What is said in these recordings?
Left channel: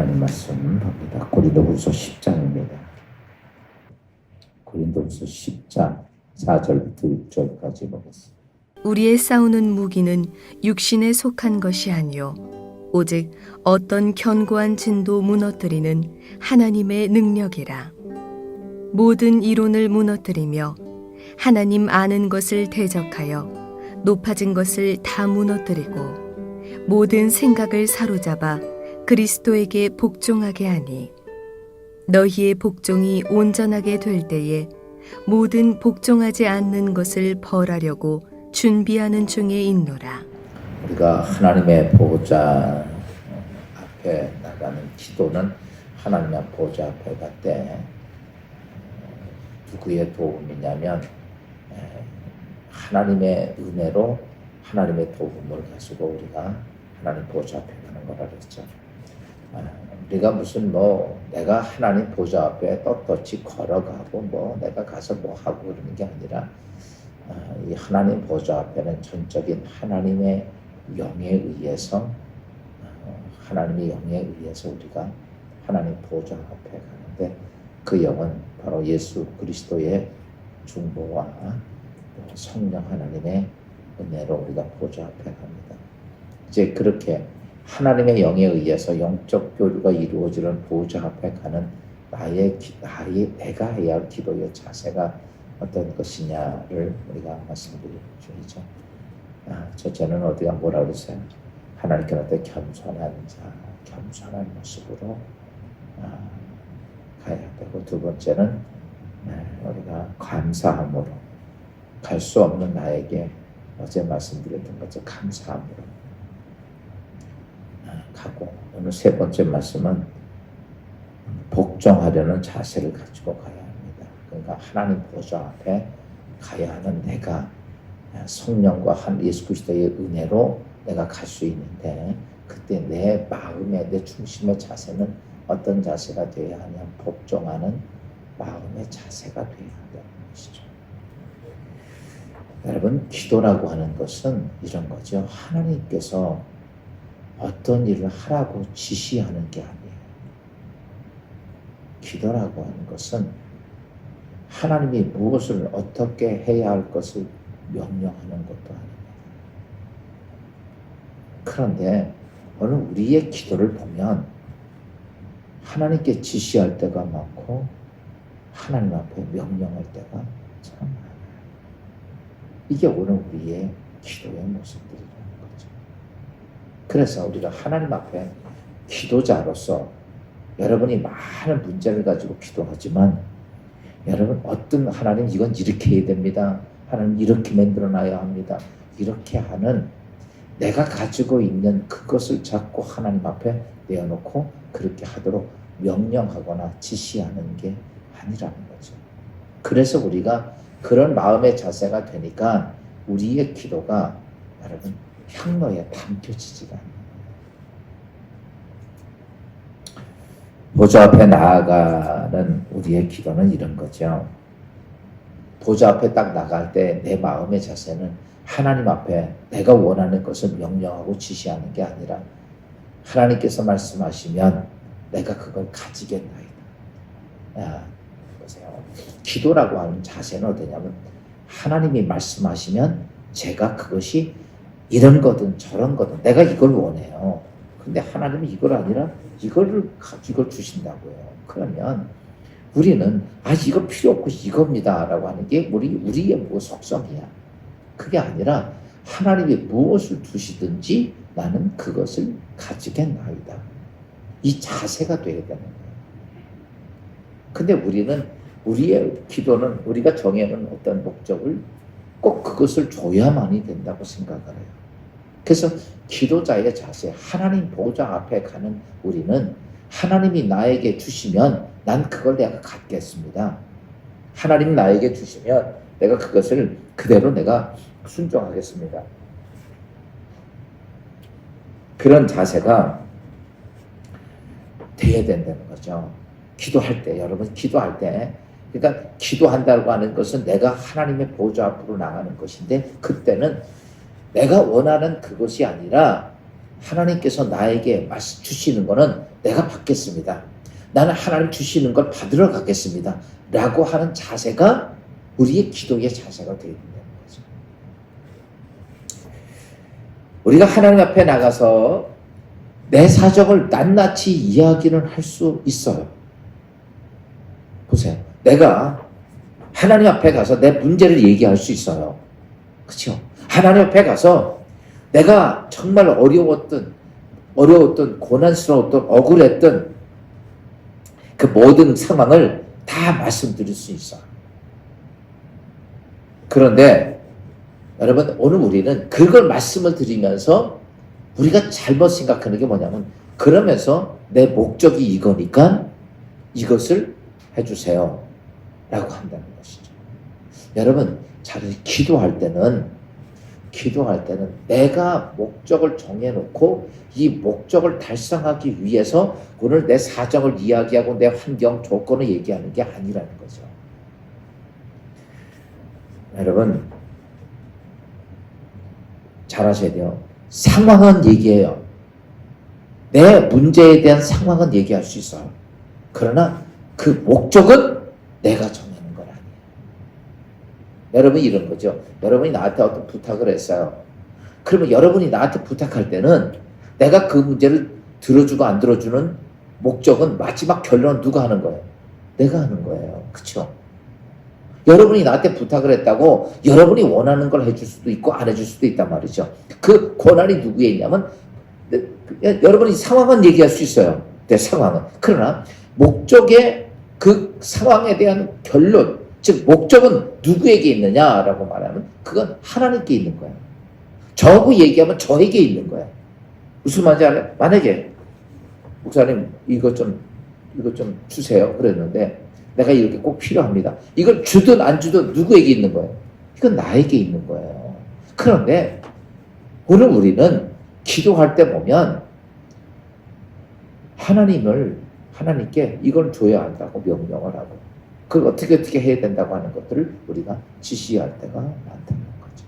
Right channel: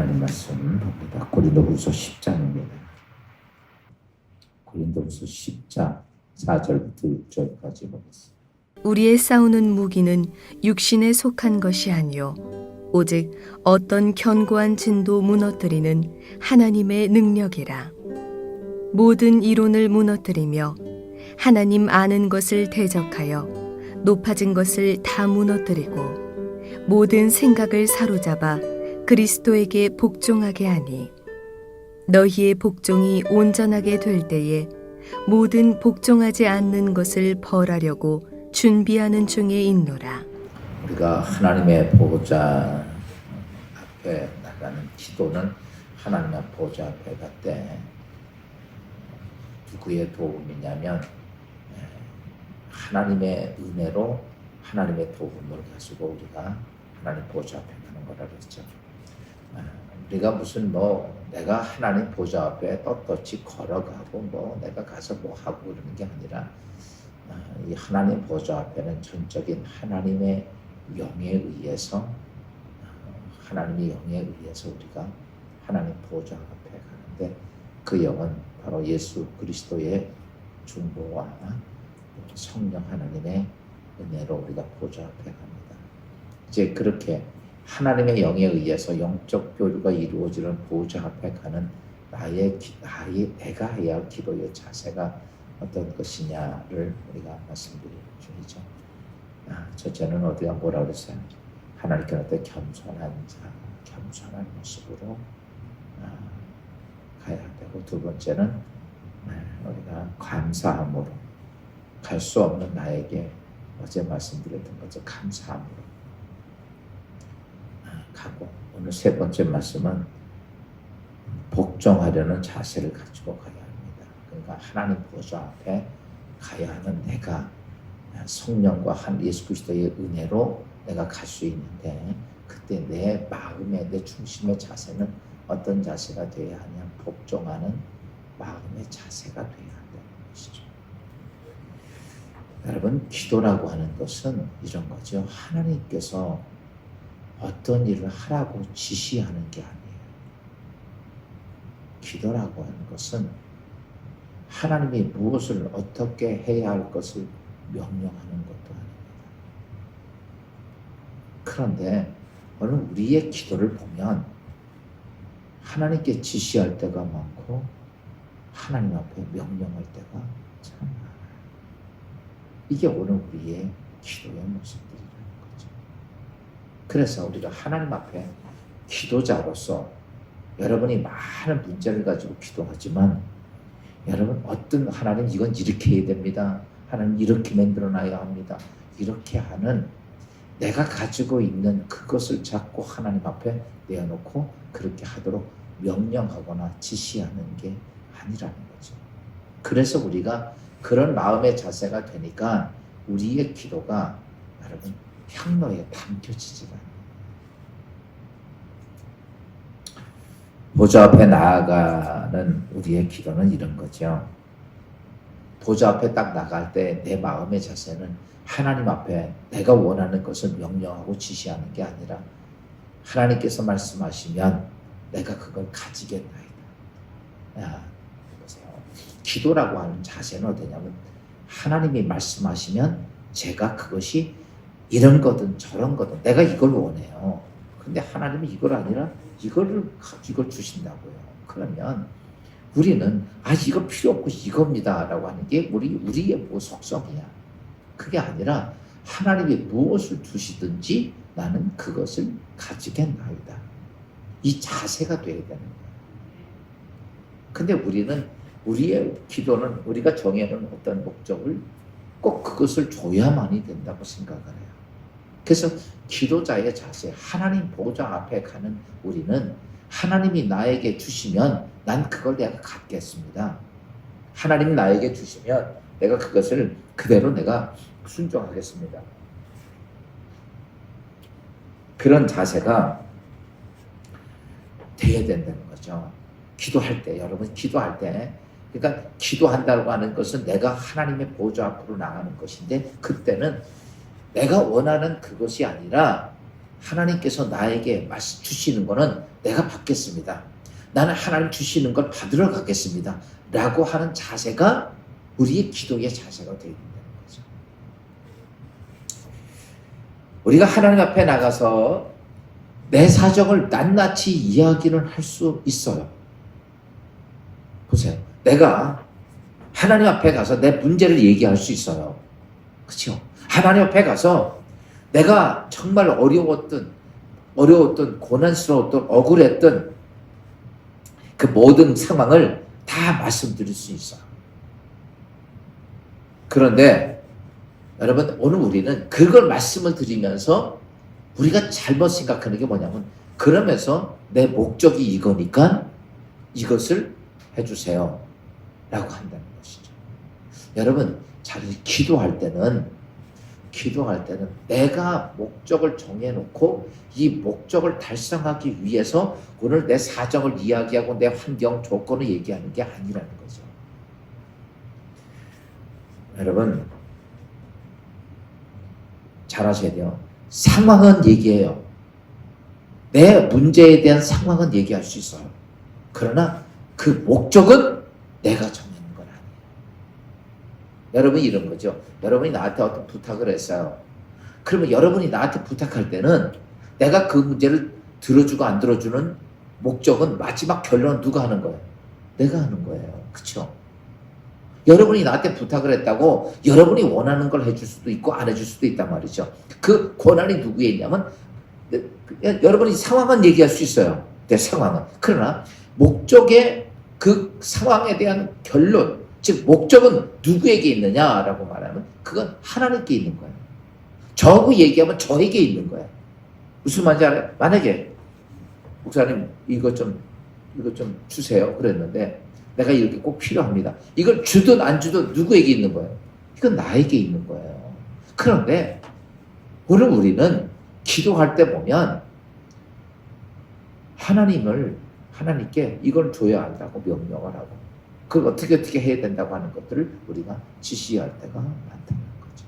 하나님 말씀 봅니다. 고린도후서 10장입니다. 고린도후서 10장 4절부터 6절까지 보겠습니다. 우리의 싸우는 무기는 육신에 속한 것이 아니요 오직 어떤 견고한 진도 무너뜨리는 하나님의 능력이라. 모든 이론을 무너뜨리며 하나님 아는 것을 대적하여 높아진 것을 다 무너뜨리고 모든 생각을 사로잡아 그리스도에게 복종하게 하니 너희의 복종이 온전하게 될 때에 모든 복종하지 않는 것을 벌하려고 준비하는 중에 있노라. 우리가 하나님의 보호자 앞에 나가는 기도는 하나님의 보호자 앞에 갈 때 누구의 도움이냐면 하나님의 은혜로 하나님의 도움을 가지고 우리가 하나님 보호자 앞에 가는 거라 그랬죠. 우리가 무슨 내가 하나님 보호자 앞에 떳떳이 걸어가고 내가 가서 하고 그러는 게 아니라 이 하나님 보호자 앞에는 전적인 하나님의 영에 의해서 하나님의 영에 의해서 우리가 하나님 보호자 앞에 가는데 그 영은 바로 예수 그리스도의 중보와 성령 하나님의 은혜로 우리가 보호자 앞에 갑니다. 이제 그렇게 하나님의 영에 의해서 영적 교류가 이루어지는 보호자 앞에 가는 내가 해야 할 기도의 자세가 어떤 것이냐를 우리가 말씀드릴 중이죠. 첫째는 어디가 뭐라 그랬어요? 하나님께 어떤 겸손한 모습으로 가야 되고, 두 번째는 우리가 감사함으로 갈 수 없는 나에게 어제 말씀드렸던 것처럼 감사함으로 가고, 오늘 세 번째 말씀은 복종하려는 자세를 가지고 가야 합니다. 그러니까 하나님 보호자 앞에 가야 하는 내가 성령과 예수 그리스도의 은혜로 내가 갈 수 있는데, 그때 내 마음의 내 중심의 자세는 어떤 자세가 되어야 하냐? 복종하는 마음의 자세가 되어야 한다는 것이죠. 여러분, 기도라고 하는 것은 이런 거죠. 하나님께서 어떤 일을 하라고 지시하는 게 아니에요. 기도라고 하는 것은 하나님이 무엇을 어떻게 해야 할 것을 명령하는 것도 아닙니다. 그런데 오늘 우리의 기도를 보면 하나님께 지시할 때가 많고 하나님 앞에 명령할 때가 참 많아요. 이게 오늘 우리의 기도의 모습들이라는 거죠. 그래서 우리가 하나님 앞에 기도자로서 여러분이 많은 문제를 가지고 기도하지만, 여러분 어떤 하나님 이건 이렇게 해야 됩니다. 하나님 이렇게 만들어놔야 합니다. 이렇게 하는 내가 가지고 있는 그것을 자꾸 하나님 앞에 내어놓고 그렇게 하도록 명령하거나 지시하는 게 아니라는 거죠. 그래서 우리가 그런 마음의 자세가 되니까 우리의 기도가 여러분 향로에 담겨지지가 않아요. 보좌 앞에 나아가는 우리의 기도는 이런 거죠. 보좌 앞에 딱 나갈 때 내 마음의 자세는 하나님 앞에 내가 원하는 것을 명령하고 지시하는 게 아니라 하나님께서 말씀하시면 내가 그걸 가지겠나이다. 보세요. 기도라고 하는 자세는 어떠냐면 하나님이 말씀하시면 제가 그것이 이런 거든 저런 거든 내가 이걸 원해요. 근데 하나님이 이걸 아니라 이걸 주신다고요. 그러면 우리는 이거 필요 없고 이겁니다 라고 하는 게 우리의 속성이야. 그게 아니라 하나님이 무엇을 주시든지 나는 그것을 가지겠나이다. 이 자세가 돼야 되는 거예요. 근데 우리의 기도는 우리가 정해놓은 어떤 목적을 꼭 그것을 줘야만이 된다고 생각을 해요. 그래서 기도자의 자세, 하나님 보호자 앞에 가는 우리는 하나님이 나에게 주시면 난 그걸 내가 갖겠습니다. 하나님이 나에게 주시면 내가 그것을 그대로 내가 순종하겠습니다. 그런 자세가 돼야 된다는 거죠. 기도할 때, 여러분 기도할 때, 그러니까 기도한다고 하는 것은 내가 하나님의 보좌 앞으로 나가는 것인데, 그때는 내가 원하는 그것이 아니라 하나님께서 나에게 말씀 주시는 거는 내가 받겠습니다. 나는 하나님 주시는 걸 받으러 가겠습니다. 라고 하는 자세가 우리의 기도의 자세가 되어야 된다는 거죠. 우리가 하나님 앞에 나가서 내 사정을 낱낱이 이야기를 할 수 있어요. 보세요. 내가 하나님 앞에 가서 내 문제를 얘기할 수 있어요. 그렇죠? 하나님 앞에 가서 내가 정말 어려웠던 고난스러웠던 억울했던 그 모든 상황을 다 말씀드릴 수 있어요. 그런데 여러분, 오늘 우리는 그걸 말씀을 드리면서 우리가 잘못 생각하는 게 뭐냐면, 그러면서 내 목적이 이거니까 이것을 해주세요 라고 한다는 것이죠. 여러분, 잘 기도할 때는 내가 목적을 정해놓고 이 목적을 달성하기 위해서 오늘 내 사정을 이야기하고 내 환경, 조건을 얘기하는 게 아니라는 거죠. 여러분, 잘 아셔야 돼요. 상황은 얘기해요. 내 문제에 대한 상황은 얘기할 수 있어요. 그러나 그 목적은 내가 정하는 건 아니에요. 여러분이 이런 거죠. 여러분이 나한테 어떤 부탁을 했어요. 그러면 여러분이 나한테 부탁할 때는 내가 그 문제를 들어주고 안 들어주는 목적은 마지막 결론은 누가 하는 거예요? 내가 하는 거예요. 그렇죠? 여러분이 나한테 부탁을 했다고 여러분이 원하는 걸 해줄 수도 있고 안 해줄 수도 있단 말이죠. 그 권한이 누구에 있냐면, 여러분이 상황은 얘기할 수 있어요. 내 상황은. 그러나 목적의 그 상황에 대한 결론, 즉 목적은 누구에게 있느냐라고 말하면 그건 하나님께 있는 거예요. 저하고 얘기하면 저에게 있는 거예요. 무슨 말인지 알아요? 만약에 목사님 이거 좀 주세요 그랬는데 내가 이렇게 꼭 필요합니다. 이걸 주든 안 주든 누구에게 있는 거예요? 이건 나에게 있는 거예요. 그런데 오늘 우리는 기도할 때 보면 하나님께 이걸 줘야 한다고 명령을 하고 그걸 어떻게 해야 된다고 하는 것들을 우리가 지시할 때가 많다는 거죠.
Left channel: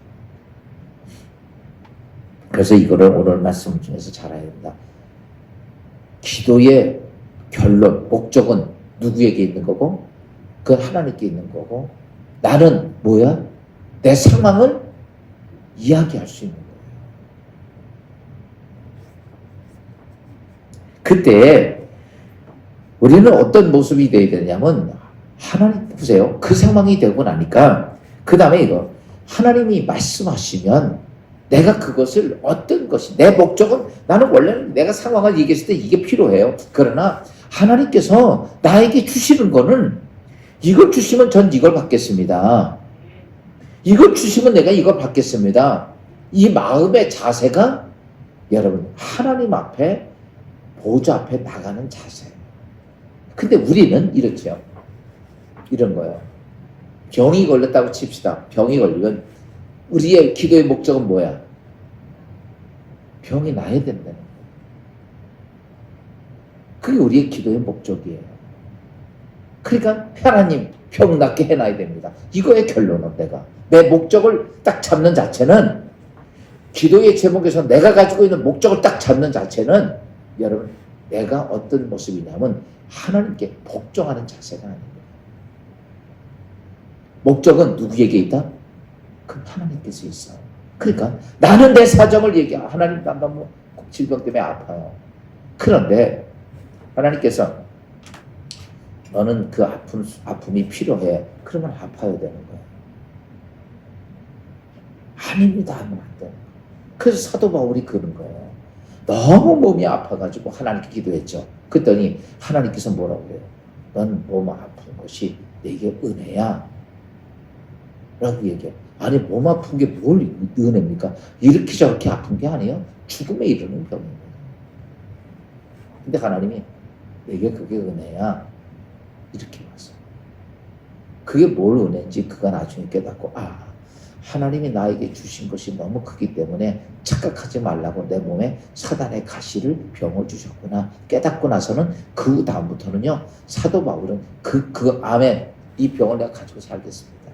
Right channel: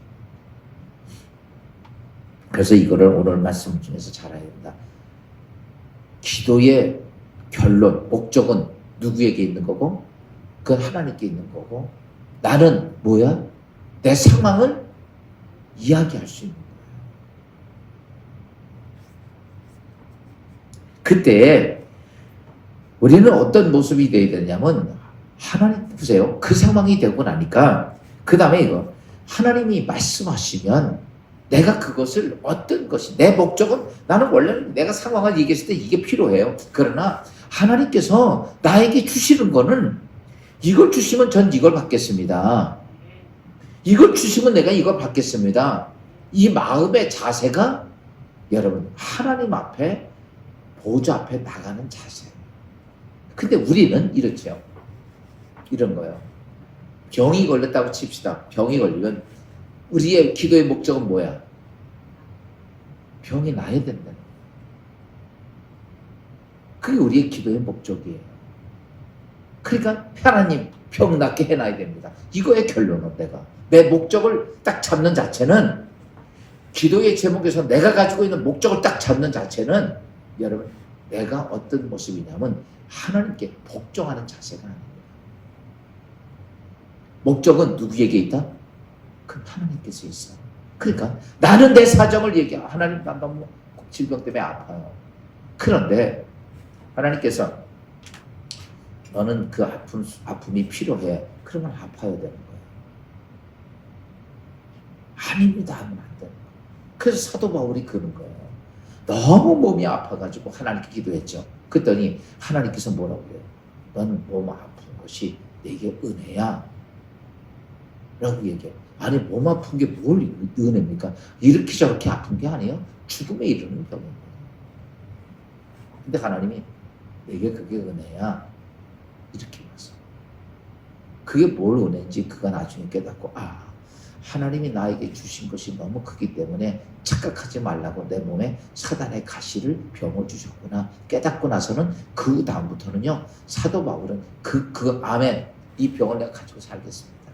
그래서 이거를 오늘 말씀 중에서 잘 알아야 된다. 기도의 결론, 목적은 누구에게 있는 거고 그 하나님께 있는 거고, 나는 뭐야? 내 상황을 이야기할 수 있는 거예요. 그때 우리는 어떤 모습이 되어야 되냐면, 하나님 보세요. 그 상황이 되고 나니까 그 다음에 이거 하나님이 말씀하시면 내가 그것을 어떤 것이 내 목적은, 나는 원래는 내가 상황을 얘기했을 때 이게 필요해요. 그러나 하나님께서 나에게 주시는 거는 이걸 주시면 전 이걸 받겠습니다. 이걸 주시면 내가 이걸 받겠습니다. 이 마음의 자세가 여러분 하나님 앞에 보좌 앞에 나가는 자세예요. 근데 우리는 이렇죠. 이런 거예요. 병이 걸렸다고 칩시다. 병이 걸리면 우리의 기도의 목적은 뭐야? 병이 나야 된다는 거예요. 그게 우리의 기도의 목적이에요. 그러니까 하나님 병 낫게 해놔야 됩니다. 이거의 결론은 내 목적을 딱 잡는 자체는, 기도의 제목에서 내가 가지고 있는 목적을 딱 잡는 자체는 여러분 내가 어떤 모습이냐면 하나님께 복종하는 자세가 아닙니다. 목적은 누구에게 있다? 그 하나님께서 있어요. 그러니까 나는 내 사정을 얘기해. 하나님 난 너무 질병 때문에 아파요. 그런데 하나님께서 너는 그 아픔이 필요해. 그러면 아파야 되는 거예요. 아닙니다 하면 안 되는 거예요. 그래서 사도 바울이 그런 거예요. 너무 몸이 아파가지고 하나님께 기도했죠. 그랬더니 하나님께서 뭐라고 그래요? 넌 몸 아픈 것이 내게 은혜야 라고 얘기해요. 아니 몸 아픈 게 뭘 은혜입니까? 이렇게 저렇게 아픈 게 아니에요. 죽음에 이르는 병인 거예요. 근데 하나님이 내게 그게 은혜야 이렇게 봤어. 그게 뭘 은혜인지 그가 나중에 깨닫고, 하나님이 나에게 주신 것이 너무 크기 때문에 착각하지 말라고 내 몸에 사단의 가시를 병을 주셨구나 깨닫고 나서는 그 다음부터는요, 사도 바울은 그 암에 이 병을 내가 가지고 살겠습니다.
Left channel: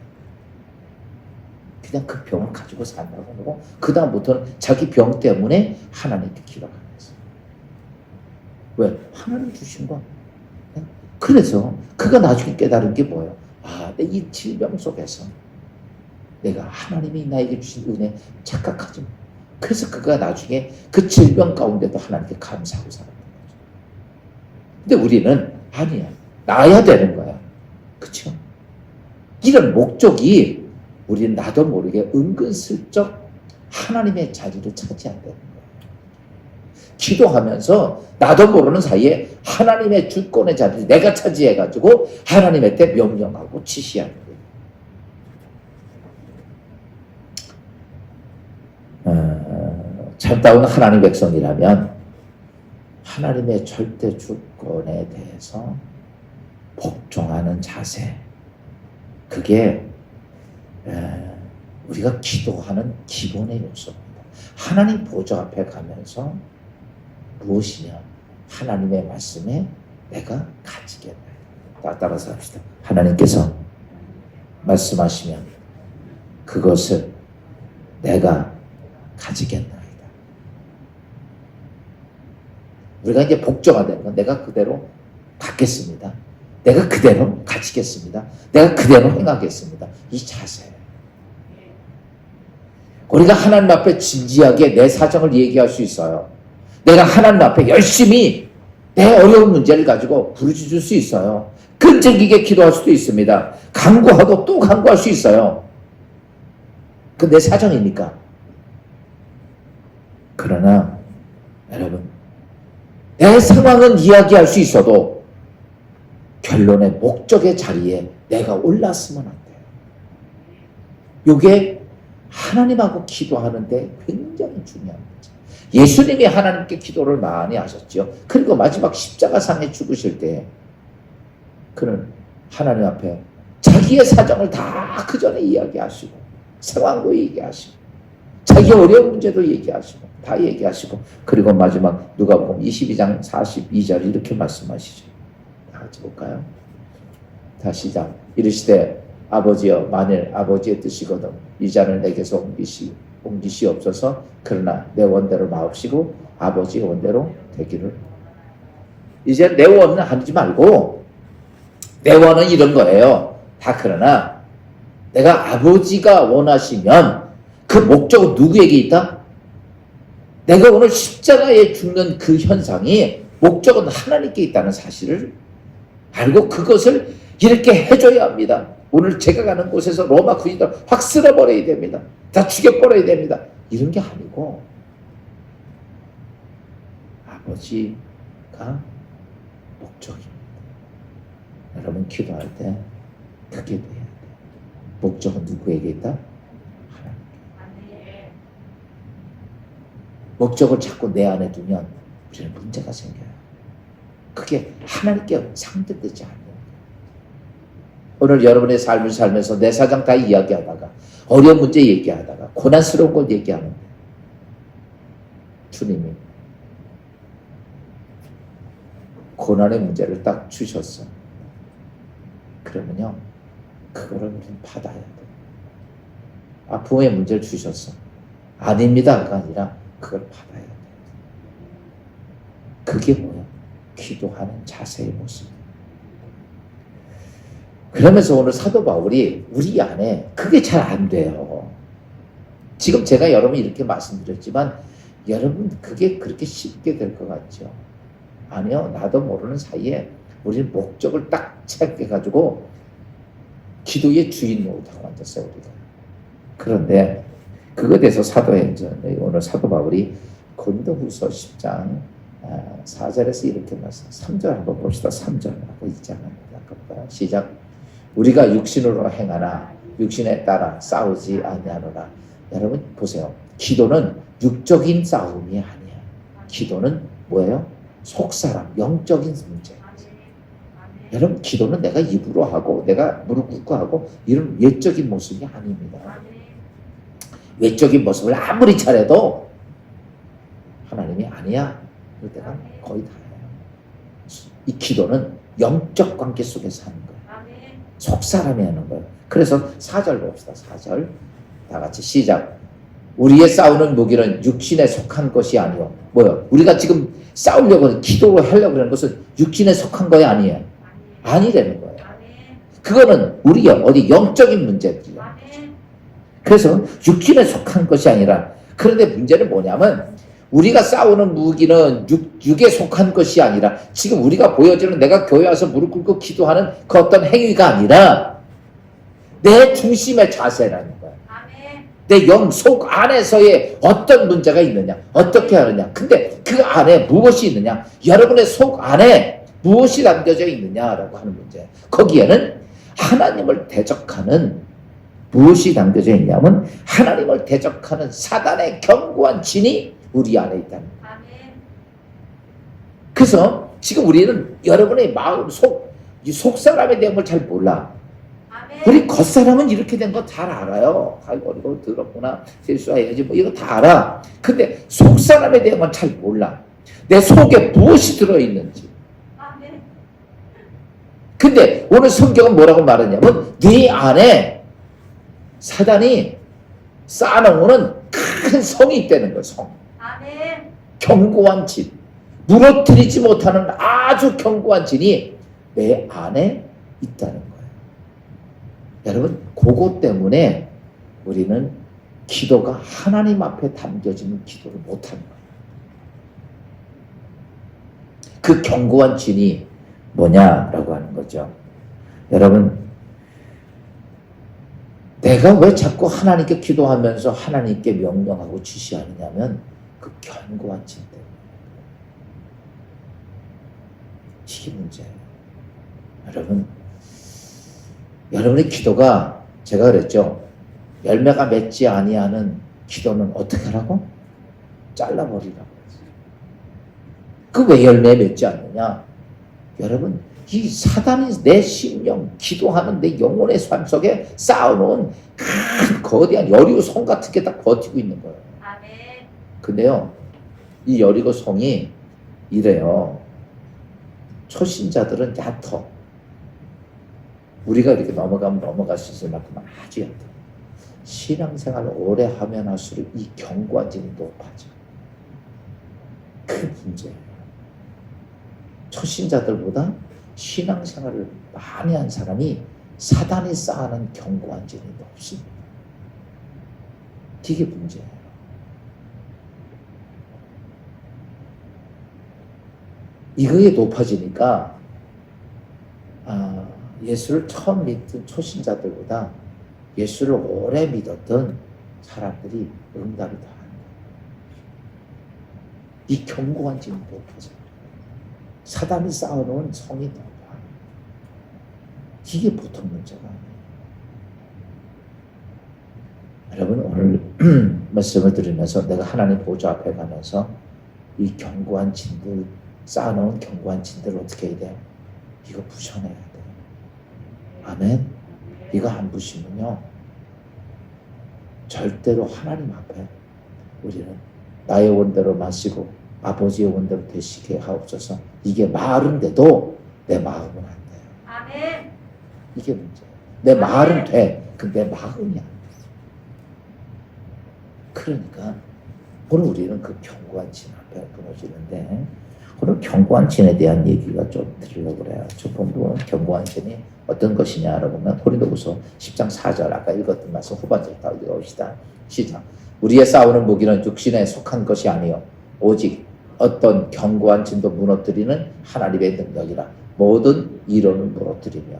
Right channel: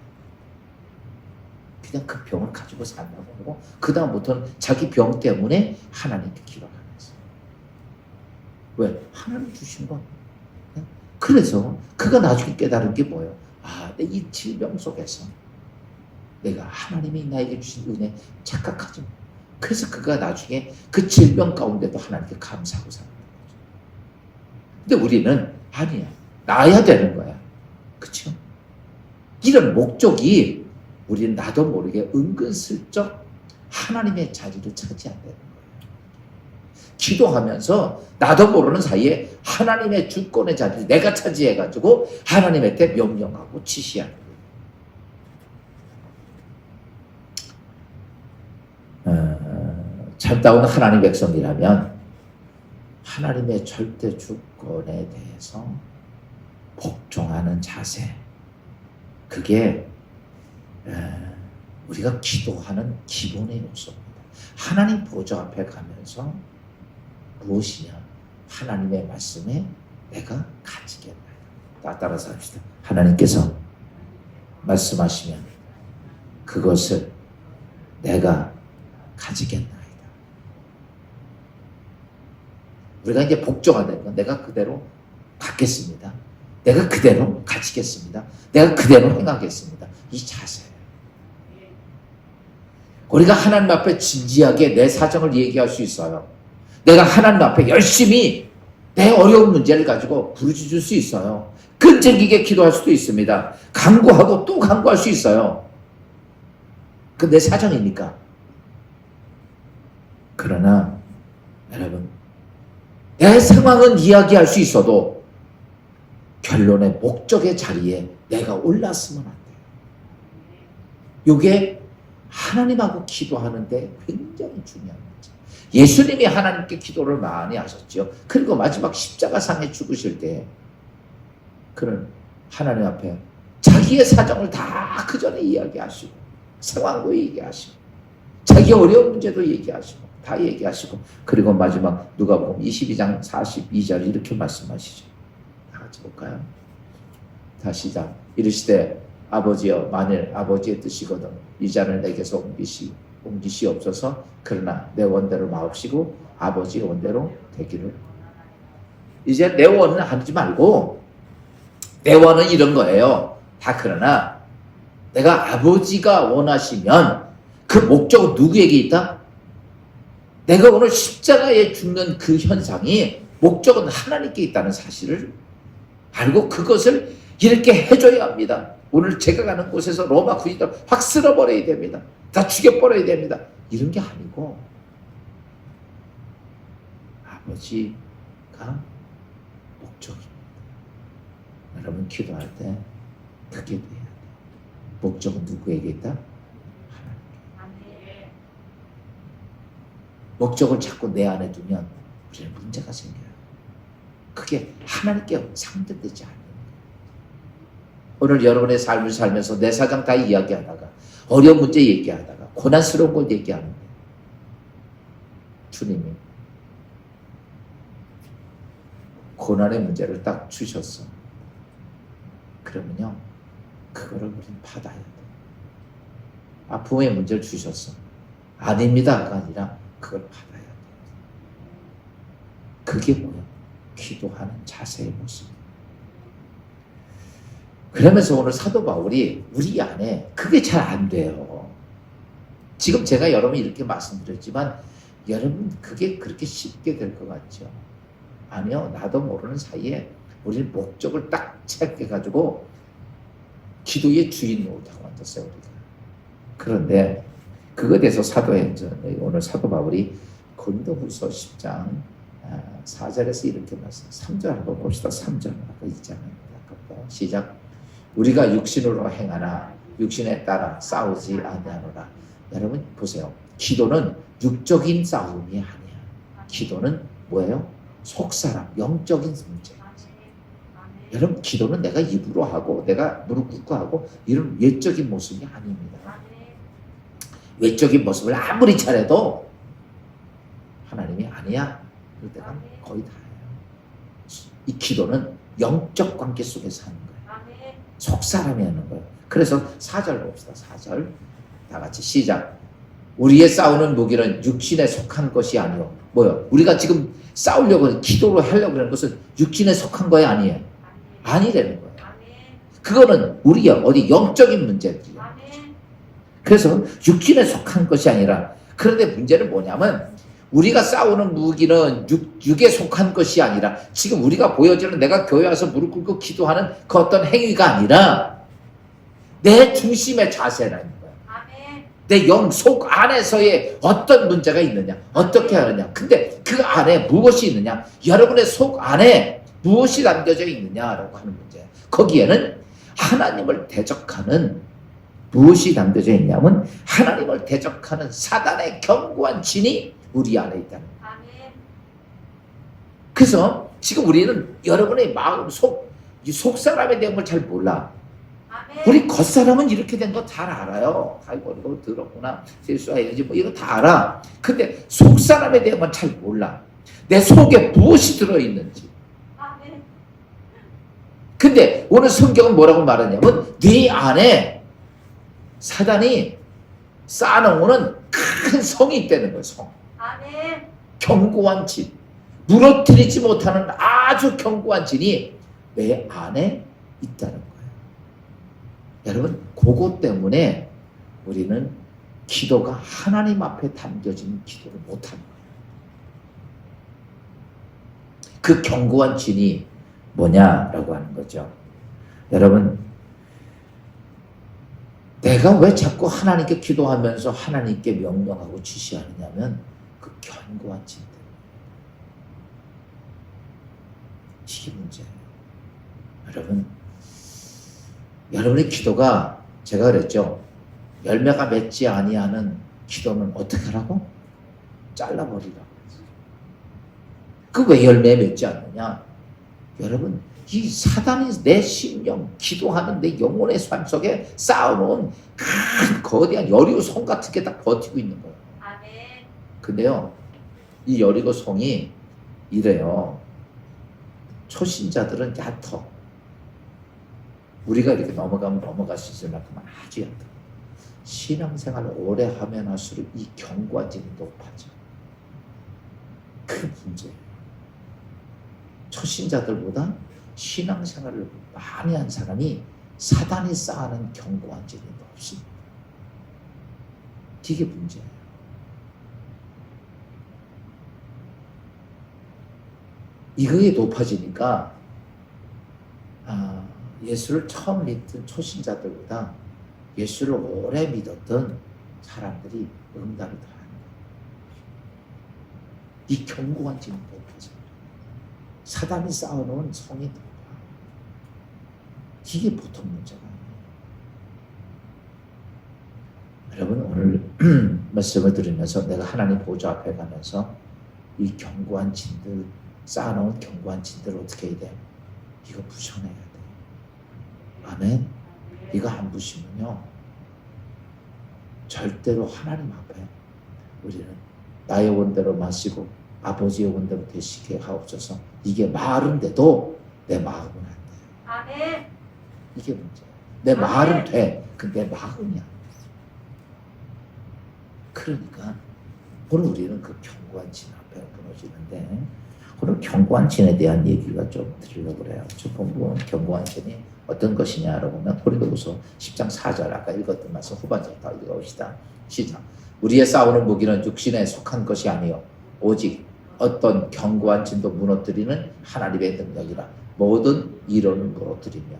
그냥 그 병을 가지고 산다고 하고 그 다음부터는 자기 병 때문에 하나님께 기도하는 거예요. 왜? 하나님 주신 거. 그래서 그가 나중에 깨달은 게 뭐예요? 아, 내 이 질병 속에서 내가 하나님이 나에게 주신 은혜 착각하지 마. 그래서 그가 나중에 그 질병 가운데도 하나님께 감사하고 살았던 거죠. 근데 우리는 아니야. 나야 되는 거야. 그렇죠? 이런 목적이 우리는 나도 모르게 은근슬쩍 하나님의 자리를 차지한다는 거예요. 기도하면서 나도 모르는 사이에 하나님의 주권의 자리를 내가 차지해가지고 하나님한테 명령하고 지시하는 거예요. 참다운 하나님 백성이라면 하나님의 절대 주권에 대해서 복종하는 자세, 그게 우리가 기도하는 기본의 요소입니다. 하나님 보좌 앞에 가면서 무엇이냐? 하나님의 말씀에 내가 가지겠나이다. 따라서 합시다. 하나님께서 말씀하시면 그것을 내가 가지겠나이다. 우리가 이제 복종가 되는 건 내가 그대로 받겠습니다. 내가 그대로 가지겠습니다. 내가 그대로 행하겠습니다. 이 자세. 우리가 하나님 앞에 진지하게 내 사정을 얘기할 수 있어요. 내가 하나님 앞에 열심히 내 어려운 문제를 가지고 부르짖을 수 있어요. 끈질기게 기도할 수도 있습니다. 간구하고 또 간구할 수 있어요. 그 내 사정이니까. 그러나 여러분, 내 상황은 이야기할 수 있어도 결론의 목적의 자리에 내가 올랐으면 안 돼요. 이게 하나님하고 기도하는데 굉장히 중요한 거죠. 예수님이 하나님께 기도를 많이 하셨죠. 그리고 마지막 십자가상에 죽으실 때 그는 하나님 앞에 자기의 사정을 다 그 전에 이야기하시고 상황도 얘기하시고 자기 어려운 문제도 얘기하시고 다 얘기하시고 그리고 마지막 누가복음 22장 42절 이렇게 말씀하시죠. 다 같이 볼까요? 다 시작. 이르시되 아버지여 만일 아버지의 뜻이거든 이 잔을 내게서 옮기시옵소서. 그러나 내 원대로 마옵시고 아버지의 원대로 되기를. 이제 내 원은 하지 말고 내 원은 이런 거예요. 다 그러나 내가 아버지가 원하시면 그 목적은 누구에게 있다? 내가 오늘 십자가에 죽는 그 현상이 목적은 하나님께 있다는 사실을 알고 그것을 이렇게 해줘야 합니다. 오늘 제가 가는 곳에서 로마 군인들 확 쓸어버려야 됩니다. 다 죽여버려야 됩니다. 이런 게 아니고 아버지가 목적입니다. 여러분 기도할 때 그게 돼야 돼요. 목적은 누구에게 있다? 하나님께. 목적을 자꾸 내 안에 두면 우리는 문제가 생겨요. 그게 하나님께 상대되지 않는 거예요. 오늘 여러분의 삶을 살면서 내 사정 다 이야기하다가 어려운 문제 얘기하다가 고난스러운 걸 얘기하는 거예요. 주님이 고난의 문제를 딱 주셨어. 그러면요 그거를 우리는 받아야 돼요. 아픔의 문제를 주셨어. 아닙니다가 아니라 그걸 받아야 돼요. 그게 뭐야? 기도하는 자세의 모습. 그러면서 오늘 사도 바울이 우리 안에 그게 잘 안 돼요. 지금 제가 여러분 이렇게 말씀드렸지만 여러분 그게 그렇게 쉽게 될 것 같죠? 아니요. 나도 모르는 사이에 우리는 목적을 딱 체크해가지고 기도의 주인 노릇하고 앉았어요. 우리가. 그런데 그거에 대해서 오늘 사도 바울이 고린도후서 10장 4절에서 이렇게 말씀. 3절 한번 봅시다. 3절 아까 있잖아요. 아까 시작. 우리가 육신으로 행하나 육신에 따라 싸우지 아니하노라. 여러분 보세요. 기도는 육적인 싸움이 아니야. 기도는 뭐예요? 속사람, 영적인 문제. 여러분 기도는 내가 입으로 하고 내가 무릎 꿇고 하고 이런 외적인 모습이 아닙니다. 외적인 모습을 아무리 잘해도 하나님이 아니야. 이럴 때가 거의 다예요. 이 기도는 영적 관계 속에서 하는 거예요. 속사람이 하는 거예요. 그래서 4절 봅시다. 4절 다 같이 시작. 우리의 싸우는 무기는 육신에 속한 것이 아니요. 뭐요? 우리가 지금 싸우려고 기도로 하려고 하는 것은 육신에 속한 거야 아니에요? 아니라는 거예요. 그거는 우리의 어디 영적인 문제들이에요. 그래서 육신에 속한 것이 아니라, 그런데 문제는 뭐냐면 우리가 싸우는 무기는 육에 속한 것이 아니라 지금 우리가 보여지는 내가 교회 와서 무릎 꿇고 기도하는 그 어떤 행위가 아니라 내 중심의 자세라는 거야. 내 영 속 안에서의 어떤 문제가 있느냐, 어떻게 하느냐. 근데 그 안에 무엇이 있느냐, 여러분의 속 안에 무엇이 담겨져 있느냐라고 하는 문제. 거기에는 하나님을 대적하는 무엇이 담겨져 있냐면 하나님을 대적하는 사단의 견고한 진이 우리 안에 있다는 거예요. 그래서 지금 우리는 여러분의 마음 속 사람에 대한 걸 잘 몰라. 우리 겉사람은 이렇게 된 거 잘 알아요. 아이고 이거 더럽구나, 세수해야지, 뭐 이거 다 알아. 근데 속 사람에 대한 건 잘 몰라. 내 속에 무엇이 들어있는지. 근데 오늘 성경은 뭐라고 말하냐면 네 안에 사단이 쌓아놓은 큰 성이 있다는 거예요. 성. 견고한 진. 무너뜨리지 못하는 아주 견고한 진이 내 안에 있다는 거예요. 여러분, 그것 때문에 우리는 기도가 하나님 앞에 담겨지는 기도를 못하는 거예요. 그 견고한 진이 뭐냐라고 하는 거죠. 여러분, 내가 왜 자꾸 하나님께 기도하면서 하나님께 명령하고 지시하느냐면 그 견고한 진 때문에. 이게 문제예요. 여러분의 기도가, 제가 그랬죠, 열매가 맺지 아니하는 기도는 어떻게 하라고? 잘라버리라고. 그 왜 열매 맺지 않느냐? 여러분, 이 사단이 내 심령, 기도하는 내 영혼의 삶 속에 쌓아놓은 큰 거대한 여리고 성 같은 게 다 버티고 있는 거예요. 근데요, 이 여리고 성이 이래요. 초신자들은 얕어. 우리가 이렇게 넘어가면 넘어갈 수 있을 만큼 아주 얕아. 신앙생활을 오래 하면 할수록 이 견고한 진이 높아져. 큰 문제예요. 초신자들보다 신앙생활을 많이 한 사람이 사단이 쌓아놓은 견고한 진이 높습니다. 이게 문제예요. 이거에 높아지니까 예수를 처음 믿던 초신자들보다 예수를 오래 믿었던 사람들이 응답이 더 하는 거예요. 이 견고한 진이 높아져요. 사단이 쌓아놓은 성이 높아. 이게 보통 문제가 아니에요. 여러분, 오늘 말씀을 들으면서 내가 하나님 보좌 앞에 가면서 이 견고한 진들, 쌓아놓은 견고한 진들을 어떻게 해야 돼요? 이거 부셔내야 돼요. 아멘. 이거 안 부시면요, 절대로 하나님 앞에 우리는 나의 원대로 마시고 아버지의 원대로 되시게 하옵소서. 이게 말은데도 내 마음은 안 돼요. 아멘. 이게 문제예요. 내 말은 돼. 근데 내 마음이 안 돼. 그러니까 오늘 우리는 그 견고한 진 앞에 무너지는데, 오늘 견고한 진에 대한 얘기가 좀 드리려고 그래요. 첫 번째는 견고한 진이 어떤 것이냐라고 보면 고린도후서 10장 4절, 아까 읽었던 말씀 후반절 다 읽어봅시다. 시작. 우리의 싸우는 무기는 육신에 속한 것이 아니요 오직 어떤 견고한 진도 무너뜨리는 하나님의 능력이라 모든 이론을 무너뜨리며.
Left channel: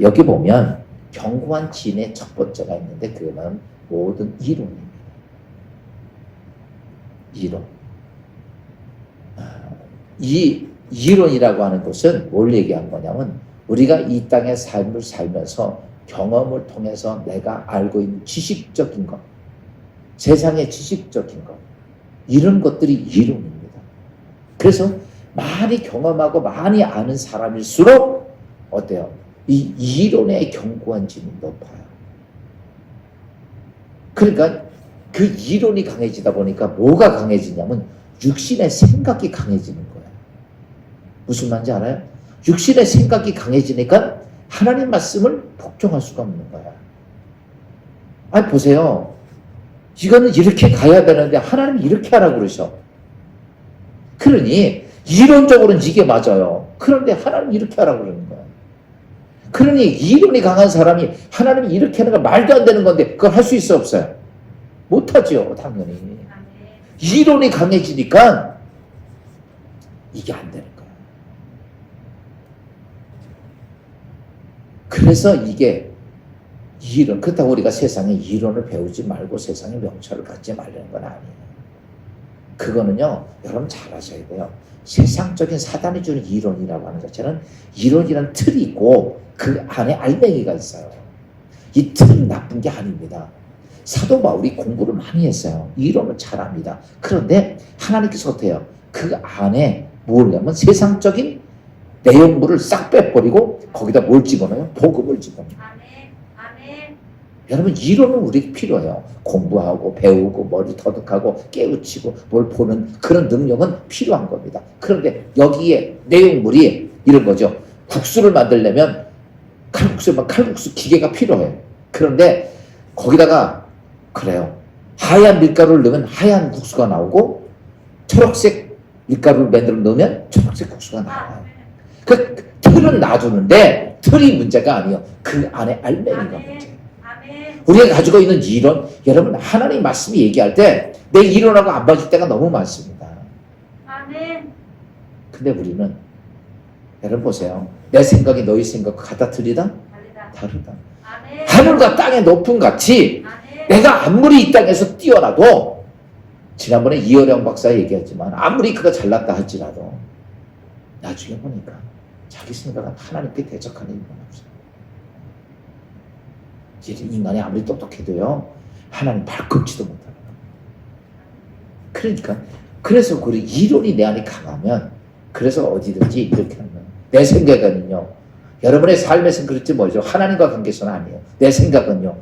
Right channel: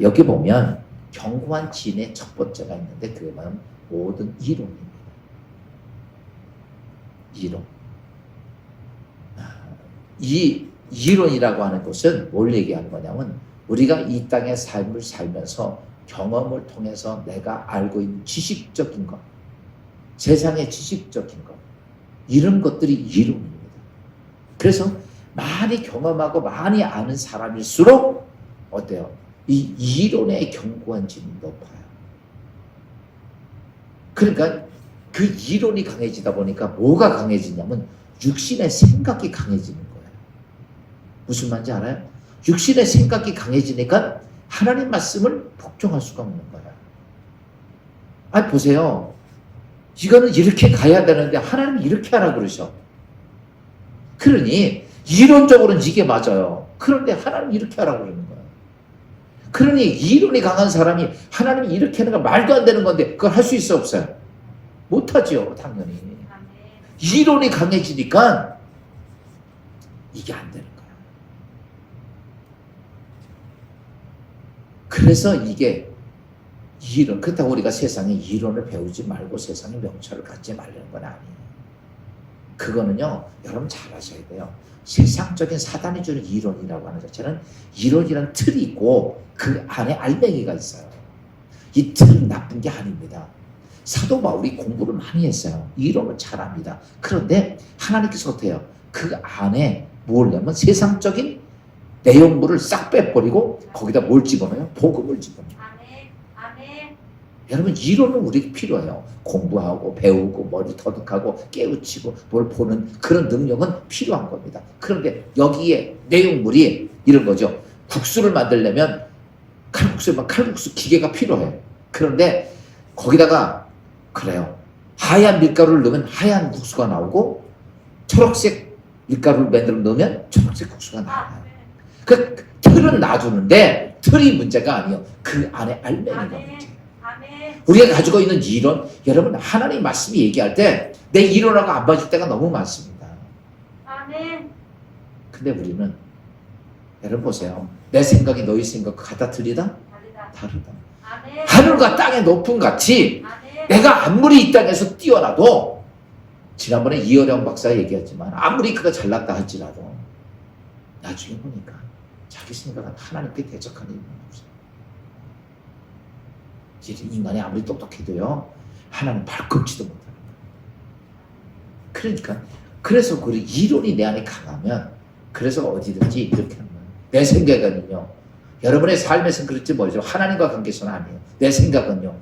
여기 보면 견고한 진의 첫 번째가 있는데 그거는 모든 이론입니다. 이론. 이 이론이라고 하는 것은 뭘 얘기하는 거냐면 우리가 이 땅의 삶을 살면서 경험을 통해서 내가 알고 있는 지식적인 것, 세상의 지식적인 것, 이런 것들이 이론입니다. 그래서 많이 경험하고 많이 아는 사람일수록 어때요? 이 이론의 견고한 진이 높아요. 그러니까 그 이론이 강해지다 보니까 뭐가 강해지냐면 육신의 생각이 강해지는 거예요. 무슨 말인지 알아요? 육신의 생각이 강해지니까 하나님 말씀을 복종할 수가 없는 거야. 아니 보세요. 이거는 이렇게 가야 되는데 하나님이 이렇게 하라고 그러셔. 그러니 이론적으로는 이게 맞아요. 그런데 하나님이 이렇게 하라고 그러는 거야. 그러니 이론이 강한 사람이 하나님이 이렇게 하는 거 말도 안 되는 건데 그걸 할 수 있어 없어요? 못하죠. 당연히. 이론이 강해지니까 이게 안 되는 거야. 그래서 이게 이론, 그렇다고 우리가 세상에 이론을 배우지 말고 세상에 명철을 갖지 말라는 건 아니에요. 그거는요, 여러분 잘 아셔야 돼요. 세상적인 사단이 주는 이론이라고 하는 자체는 이론이라는 틀이 있고 그 안에 알맹이가 있어요. 이 틀은 나쁜 게 아닙니다. 사도 바울이 공부를 많이 했어요. 이론을 잘합니다. 그런데 하나님께서 어때요? 그 안에 뭘 냐면 세상적인 내용물을 싹 빼버리고 거기다 뭘 집어넣어요? 복음을 집어넣어요. 여러분 이론은 우리에게 필요해요. 공부하고 배우고 머리 터득하고 깨우치고 뭘 보는 그런 능력은 필요한 겁니다. 그런데 여기에 내용물이 이런 거죠. 국수를 만들려면 칼국수 기계가 필요해요. 그런데 거기다가 그래요. 하얀 밀가루를 넣으면 하얀 국수가 나오고 초록색 밀가루를 만들어 넣으면 초록색 국수가 나와요. 그 틀은 놔두는데 틀이 문제가 아니에요. 그 안에 알맹이가 문제예요. 우리가 가지고 있는 이론, 여러분 하나님 말씀이 얘기할 때 내 이론하고 안 맞을 때가 너무 많습니다. 근데 우리는 여러분 보세요. 내 생각이 너희 생각과 같다 틀리다? 다르다. 하늘과 땅의 높음 같이 내가 아무리 이 땅에서 뛰어나도 지난번에 이어령 박사 얘기했지만 아무리 그가 잘났다 할지라도 나중에 보니까 자기 생각은 하나님께 대적하는 일은 없어요. 인간이 아무리 똑똑해도요 하나님 발꿈치도 못하는 거예요. 그러니까 그래서 그 이론이 내 안에 강하면 그래서 어디든지 이렇게 하는 거예요. 내 생각은요 여러분의 삶에서는 그렇지 뭐죠. 하나님과 관계에서는 아니에요. 내 생각은요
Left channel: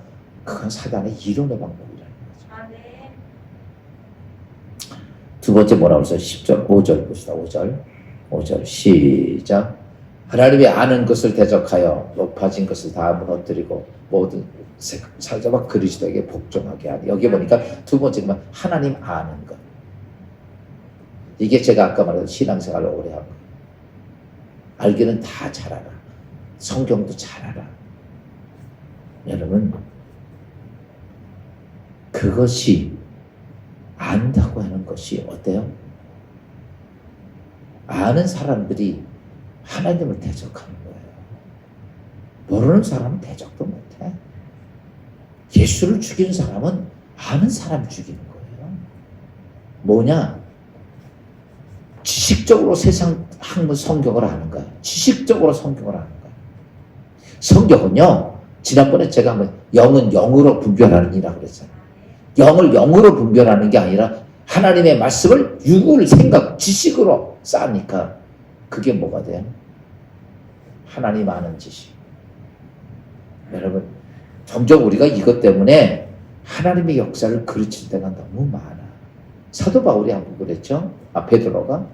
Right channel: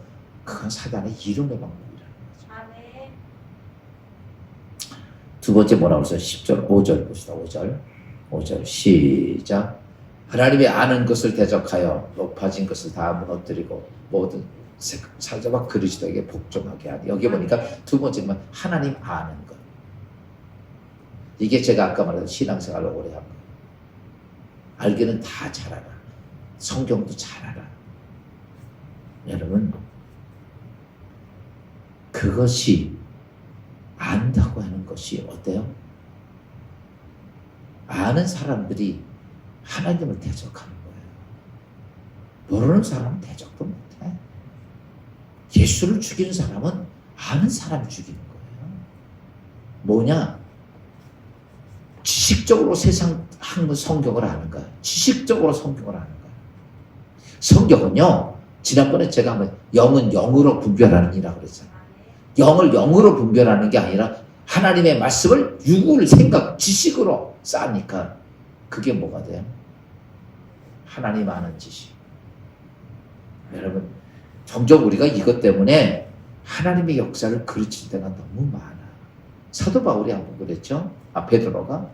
그건 사단의 이론의 방법이라는 거죠. 두 번째 뭐라고 써요? 10절 5절 봅시다. 5절 시작. 하나님이 아는 것을 대적하여 높아진 것을 다 무너뜨리고 모든 사자와 그리스도에게 복종하게 하니. 여기 보니까 두 번째는 하나님 아는 것. 이게 제가 아까 말한 신앙생활을 오래 한 거. 알기는 다 잘 알아. 성경도 잘 알아. 여러분 그것이 안다고 하는 것이 어때요? 아는 사람들이 하나님을 대적하는 거예요. 모르는 사람은 대적도 못해. 예수를 죽이는 사람은 아는 사람이 죽이는 거예요. 뭐냐? 지식적으로 세상 학문 성경을 아는 거야. 지식적으로 성경을 아는 거야. 성경은요, 지난번에 제가 한번 영은 영으로 분별하는 이라고 그랬어요. 영을 영으로 분별하는 게 아니라 하나님의 말씀을 육을 생각, 지식으로 쌓으니까 그게 뭐가 돼요? 하나님 아는 지식. 여러분, 점점 우리가 이것 때문에 하나님의 역사를 그르칠 때가 너무 많아. 사도 바울이 한번 그랬죠? 베드로가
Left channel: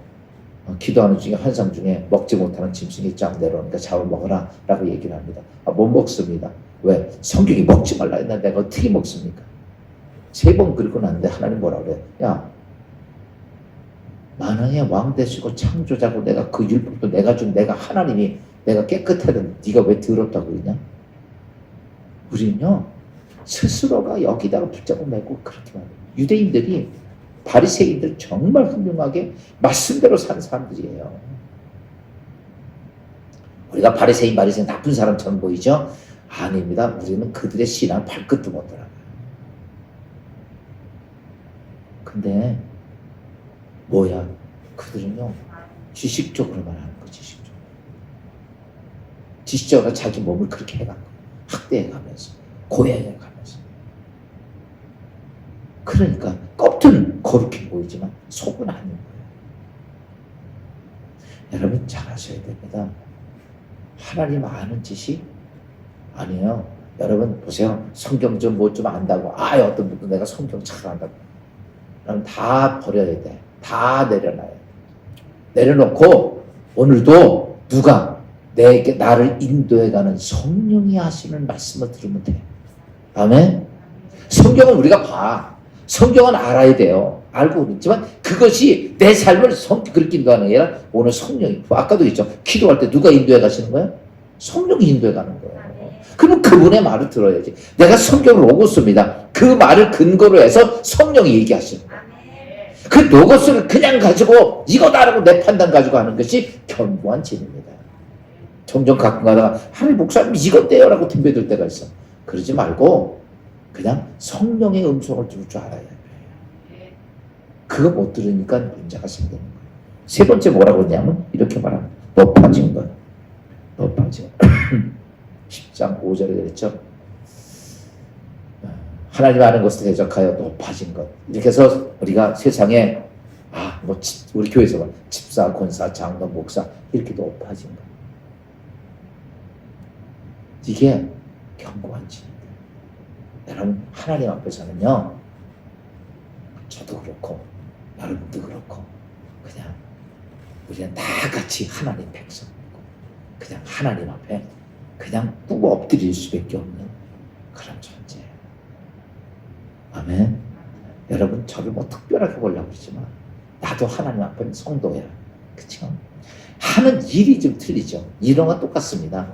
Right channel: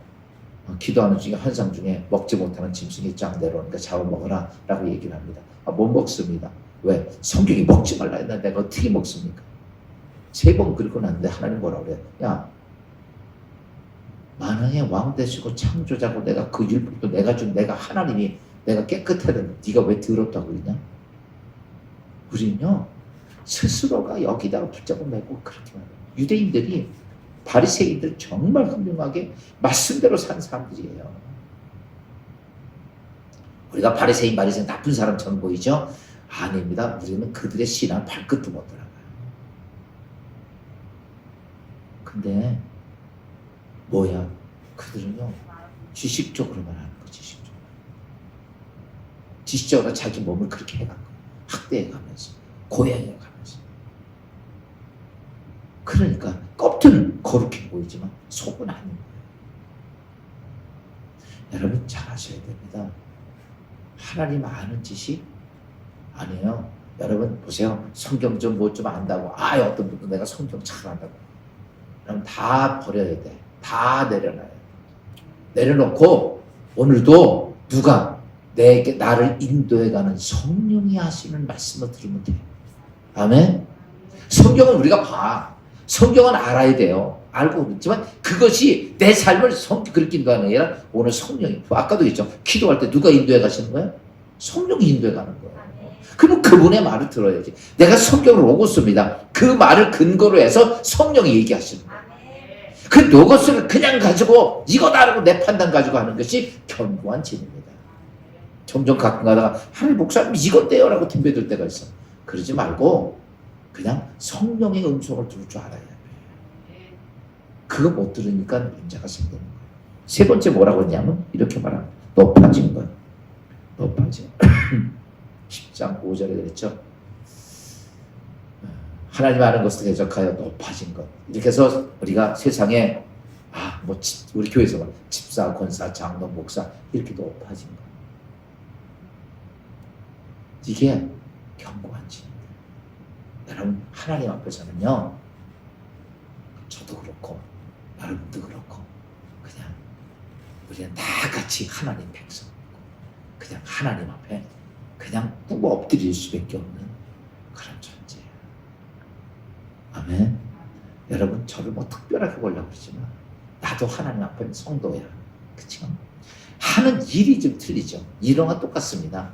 기도하는 중에 환상 중에 먹지 못하는 짐승이 쫙 내려오니까 잡아 먹어라 라고 얘기를 합니다. 못 먹습니다. 왜? 성경이 먹지 말라 했는데 내가 어떻게 먹습니까? 3번 그리고 났는데 하나님 뭐라 그래요? 야, 만왕의 왕 되시고 창조자고 내가 그 율법도 내가 준 내가 하나님이 내가 깨끗하던 네가 왜 더럽다고 그러냐? 우리는요 스스로가 여기다가 붙잡고 매고 그렇게 말해요. 유대인들이 바리새인들 정말 훌륭하게 말씀대로 산 사람들이에요. 우리가 바리새인 나쁜 사람처럼 보이죠? 아닙니다. 우리는 그들의 신앙 발끝도 못 따라가요. 근데 뭐야? 그들은요 지식적으로만 하는 거. 지식적으로 자기 몸을 그렇게 해간 거예요. 학대해가면서 고해해가면서. 그러니까 겉은 거룩해 보이지만 속은 아닌 거예요. 여러분 잘 아셔야 됩니다. 하나님 아는 지식 아니에요. 여러분 보세요. 성경 좀 뭐 좀 안다고 어떤 분도 내가 성경 잘 안다고 그럼 다 버려야 돼. 다 내려놔야 돼. 내려놓고 오늘도 누가 나를 인도해가는 성령이 하시는 말씀을 들으면 돼. 아멘? 성경은 우리가 봐. 성경은 알아야 돼요. 알고 있지만 그것이 내 삶을 그렇게 인도하는 게 아니라 오늘 성령이, 아까도 했죠. 기도할 때 누가 인도해 가시는 거예요? 성령이 인도해 가는 거예요. 그럼 그분의 말을 들어야지. 내가 성경을 로고스입니다. 그 말을 근거로 해서 성령이 얘기하시는 거예요. 그 로고스를 그냥 가지고 이거다라고 내 판단 가지고 하는 것이 견고한 진입니다. 종종 가끔 가다가 하나님 목사님 이것대요 라고 덤벼들 때가 있어. 그러지 말고 그냥 성령의 음성을 들을 줄 알아야 돼. 그거 못 들으니까 문제가 생기는 거예요. 세 번째 뭐라고 했냐면 이렇게 말합니다. 높아진 것. 높아진 10장 5절에 그랬죠. 하나님 아는 것을 대적하여 높아진 것. 이렇게 해서 우리가 세상에 우리 교회에서 집사, 권사, 장로, 목사 이렇게 높아진 것. 이게 견고한 진입니다. 여러분 하나님 앞에서는요. 저도 그렇고 여러분도 그렇고 그냥 우리는 다 같이 하나님 백성이고 그냥 하나님 앞에 그냥 꾹 엎드릴 수밖에 없는 그런 존재예요. 아멘. 여러분 저를 뭐 특별하게 보려고 그러지만 나도 하나님 앞에는 성도야. 그렇죠? 하는 일이 좀 틀리죠. 이런 건 똑같습니다.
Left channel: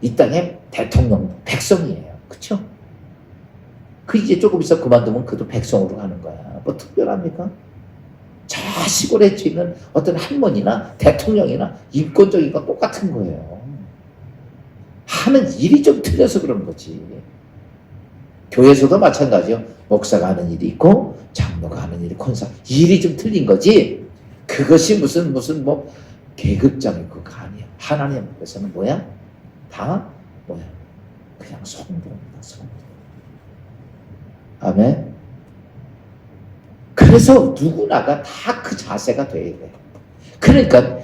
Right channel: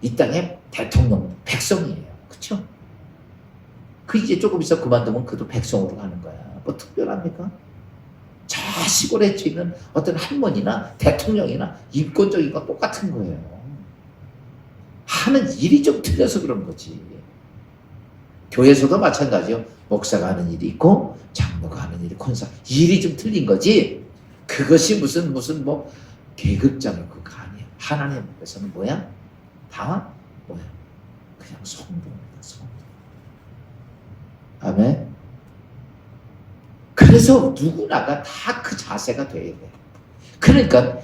이 땅의 대통령 백성이에요. 그렇죠? 그 이제 조금 있어 그만두면 그도 백성으로 가는 거야. 뭐 특별합니까? 저 시골에 있는 어떤 할머니나 대통령이나 인권적인 건 똑같은 거예요. 하는 일이 좀 틀려서 그런 거지. 교회에서도 마찬가지요. 목사가 하는 일이 있고 장로가 하는 일이 권사 일이 좀 틀린 거지. 그것이 무슨 뭐 계급장이 그거 아니야. 하나님 앞에서는 뭐야? 다 뭐야? 그냥 성도입니다. 성도. 아멘. 그래서 누구나가 다 그 자세가 돼야 돼. 그러니까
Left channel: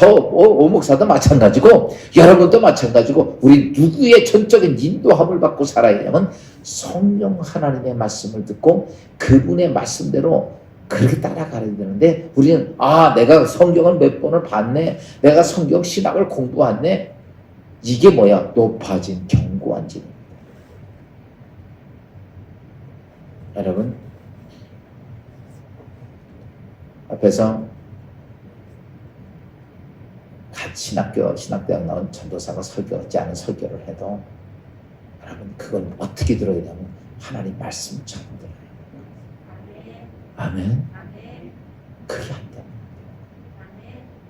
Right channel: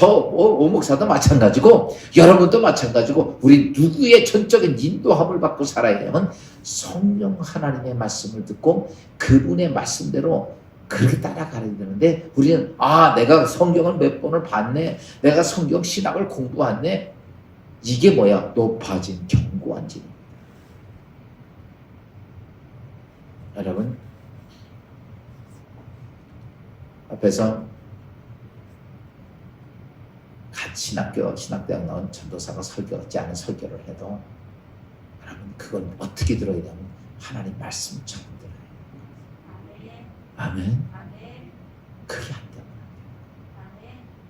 오목사도 마찬가지고 여러분도 마찬가지고 우리 누구의 전적인 인도함을 받고 살아야 되냐면 성령 하나님의 말씀을 듣고 그분의 말씀대로 그렇게 따라가야 되는데 우리는 내가 성경을 몇 번을 봤네. 내가 성경 신학을 공부했네. 이게 뭐야? 높아진 견고한 진입니다. 여러분 앞에서 신학대학 나온 전도사가 설교하지 않은 설교를 해도 여러분 그걸 어떻게 들어야 되냐면 하나님 말씀처럼 들어야 돼요. 아멘. 그게 안 되면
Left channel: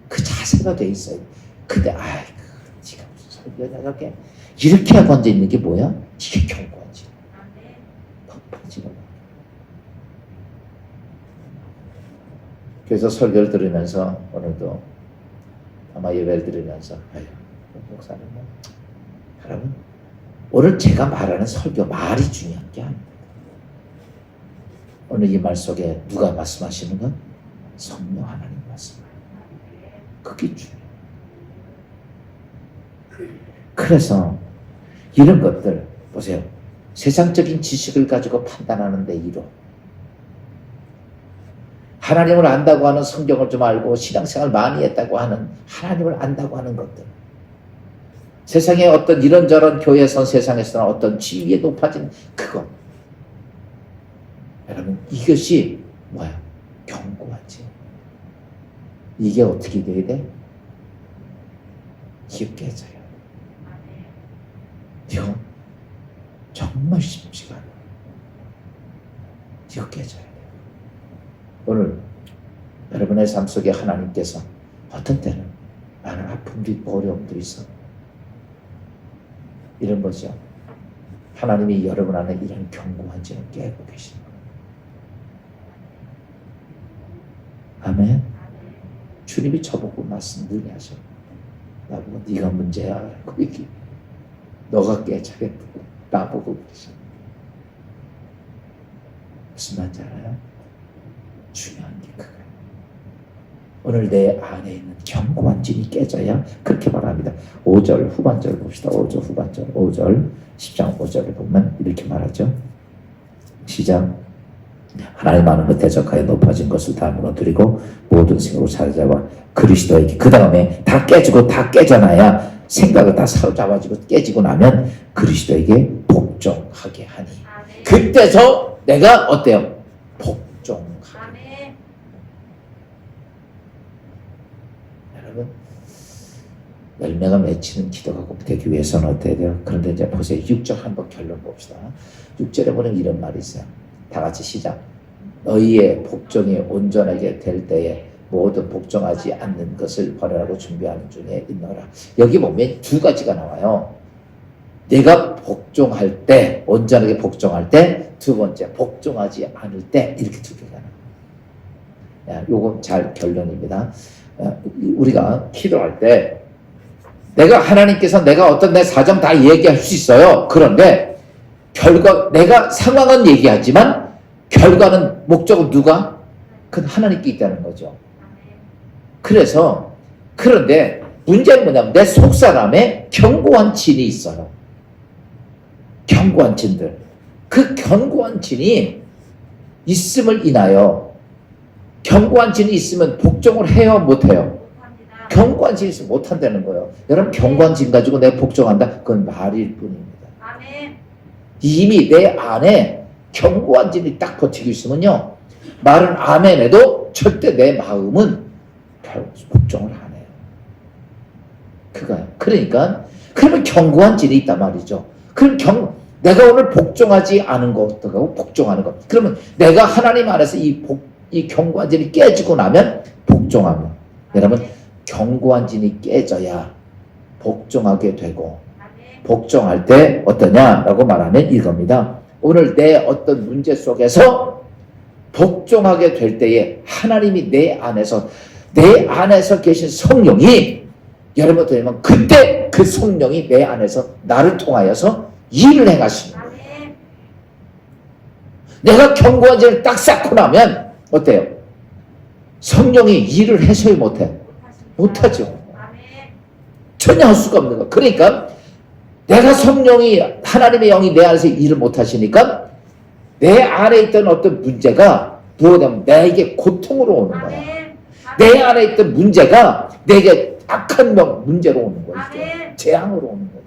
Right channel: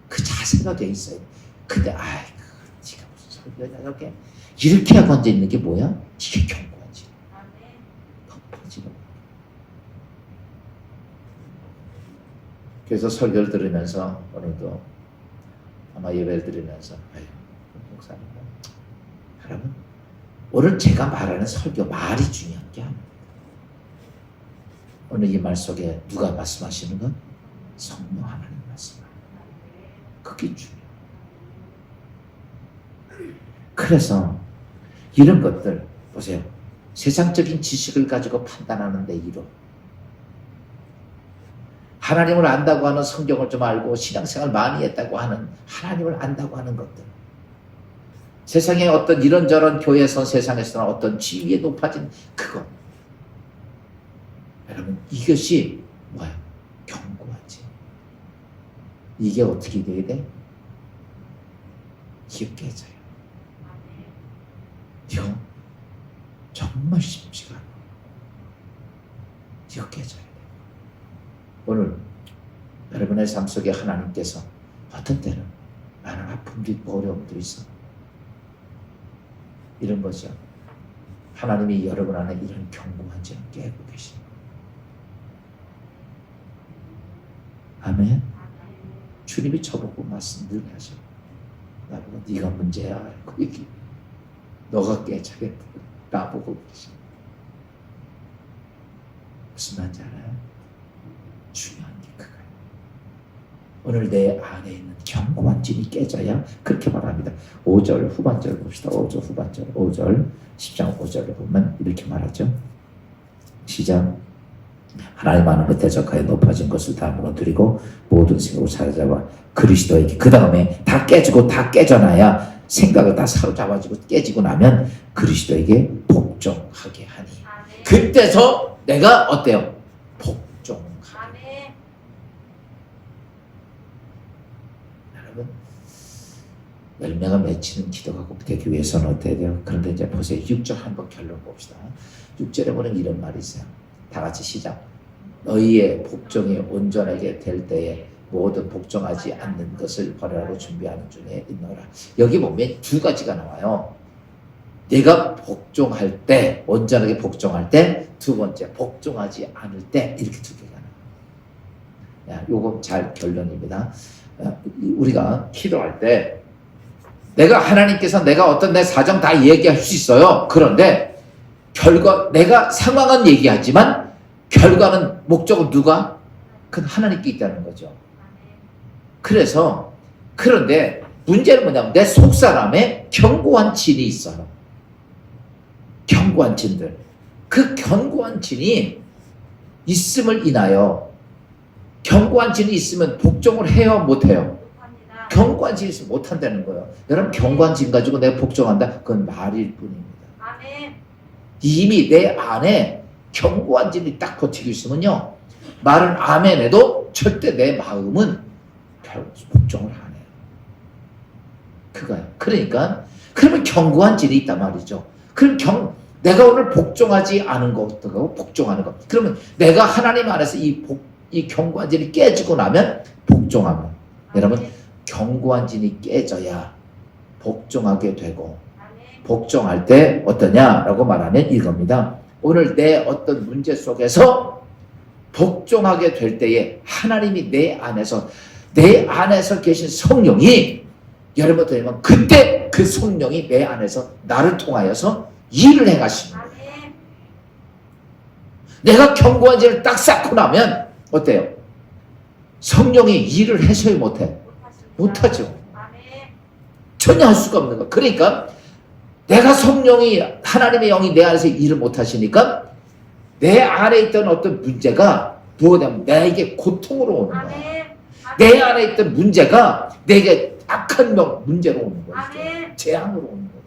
그 자세가 돼 있어요. 근데 지가 무슨 설교냐 저게 이렇게 하고 앉아 있는 게 뭐야? 이게 견고하지. 높아지는 거야. 그래서 설교를 들으면서 오늘도 아마 예배를 드리면서 목사님 여러분 오늘 제가 말하는 설교 말이 중요한 게 아닙니다. 오늘 이 말 속에 누가 말씀하시는 건? 성령 하나님 말씀. 그게 중요해요. 그래서 이런 것들 보세요. 세상적인 지식을 가지고 판단하는 데 이로 하나님을 안다고 하는 성경을 좀 알고 신앙생활 많이 했다고 하는 하나님을 안다고 하는 것들 세상에 어떤 이런저런 교회에서 세상에서는 어떤 지위에 높아진 그것 여러분 이것이 뭐야? 견고하지. 이게 어떻게 돼야 돼? 이게 깨져야 돼. 이거 정말 쉽지가 않아. 이거 깨져야 돼. 오늘 여러분의 삶 속에 하나님께서 어떤 때는 많은 아픔도 있고 어려움도 있어. 이런 거죠. 하나님이 여러분 안에 이런 견고한지는 깨고 계시는 거예요. 아멘. 주님이 저보고 말씀 늘 하셔. 나보고 네가 문제야. 그 얘기. 너가 깨져야겠다. 나보고 계셔. 무슨 말인지 알아요? 중요한 게 그거예요. 오늘 내 안에 있는 견고한 진이 깨져야 그렇게 말합니다. 5절 후반절 봅시다. 5절 후반절 5절 10장 5절을 보면 이렇게 말하죠. 시작. 하나님 아는 것 대적하여 높아진 것을 다 무너뜨리고 모든 생각을 사로잡아 그리스도에게 그 다음에 다 깨지고 다 깨져나야 생각을 다 사로잡아지고 깨지고 나면 그리스도에게 복종하게 하니 그때서 내가 어때요? 복종하라. 아멘. 여러분, 열매가 맺히는 기도가 되기 위해서는 어때야 돼요? 그런데 이제 보세요. 6절 한번 결론 봅시다. 6절에 보면 이런 말이 있어요. 다 같이 시작. 너희의 복종이 온전하게 될 때에 모든 복종하지 않는 것을 버리라고 준비하는 중에 있노라. 여기 보면 두 가지가 나와요. 내가 복종할 때, 온전하게 복종할 때, 두 번째, 복종하지 않을 때, 이렇게 두 개가 나와요. 요거 잘 결론입니다. 우리가 기도할 때, 내가 하나님께서 내가 어떤 내 사정 다 얘기할 수 있어요. 그런데, 내가 상황은 얘기하지만, 결과는, 목적은 누가? 그건 하나님께 있다는 거죠. 그런데, 문제는 뭐냐면, 내 속사람에 견고한 진이 있어요. 견고한 진들. 그 견고한 진이 있음을 인하여 견고한 진이 있으면 복종을 해요, 못해요? 견고한 진이 있으면 못한다는 거예요. 여러분, 견고한 진 가지고 내가 복종한다? 그건 말일 뿐입니다. 아멘. 이미 내 안에 견고한 진이 딱 버티고 있으면요, 말은 아멘 해도 절대 내 마음은 복종을 안 해요. 그거예요. 그러니까 그러면 견고한 진이 있단 말이죠. 그럼 내가 오늘 복종하지 않은 것하고 복종하는 것. 그러면 내가 하나님 안에서 이 견고한 진이 깨지고 나면 복종하면. 여러분, 견고한 진이 깨져야 복종하게 되고, 복종할 때 어떠냐라고 말하면 이겁니다. 오늘 내 어떤 문제 속에서 복종하게 될 때에 하나님이 내 안에서 계신 성령이 여러분 되면 그때 그 성령이 내 안에서 나를 통하여서 일을 행하시는 거예요. 내가 견고한 진을 딱 쌓고 나면 어때요? 성령이 일을 해서야 못해? 못하죠. 전혀 할 수가 없는 거예요. 그러니까 내가 하나님의 영이 내 안에서 일을 못하시니까 내 안에 있던 어떤 문제가 무엇이냐면 내게 고통으로 오는 거예요. 내 안에 있던 문제가 내게 악한 문제로 오는 거예요. 재앙으로 오는 거예요.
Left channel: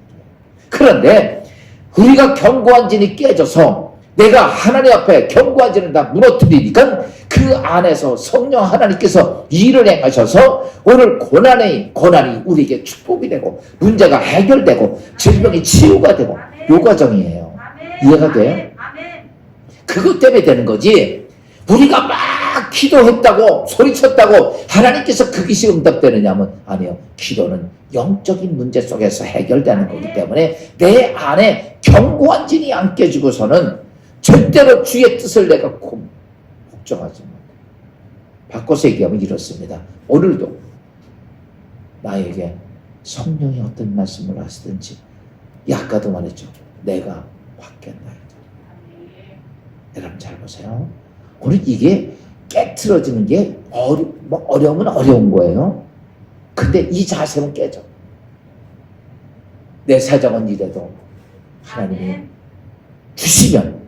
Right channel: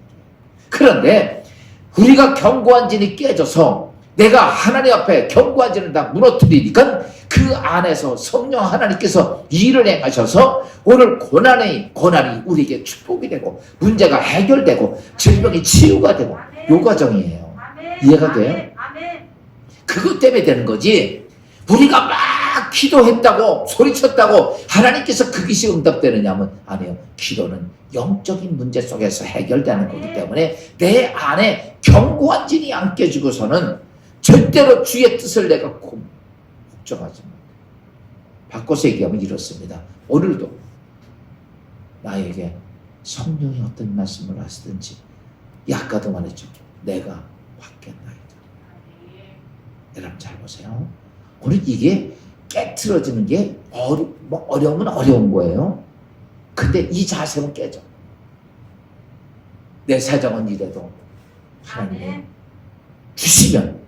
그런데 우리가 견고한 진이 깨져서 내가 하나님 앞에 견고한 진을 다 무너뜨리니까 그 안에서 성령 하나님께서 일을 행하셔서 오늘 고난이 우리에게 축복이 되고 문제가 해결되고 질병이 치유가 되고 요 과정이에요. 이해가 돼요? 그것 때문에 되는 거지. 우리가 막 기도했다고 소리쳤다고 하나님께서 그것이 응답되느냐면 아니요. 기도는 영적인 문제 속에서 해결되는 거기 때문에 내 안에 견고한 진이 안 깨지고서는 절대로 주의 뜻을 내가 복종하지 못해. 바꿔서 얘기하면 이렇습니다. 오늘도 나에게 성령이 어떤 말씀을 하시든지 아까도 말했죠. 내가 받겠나이다. 여러분 잘 보세요. 오늘 이게 깨트려지는 게 어려우면 어려운 거예요. 근데 이 자세는 깨져. 내 사정은 이래도 하나님이 주시면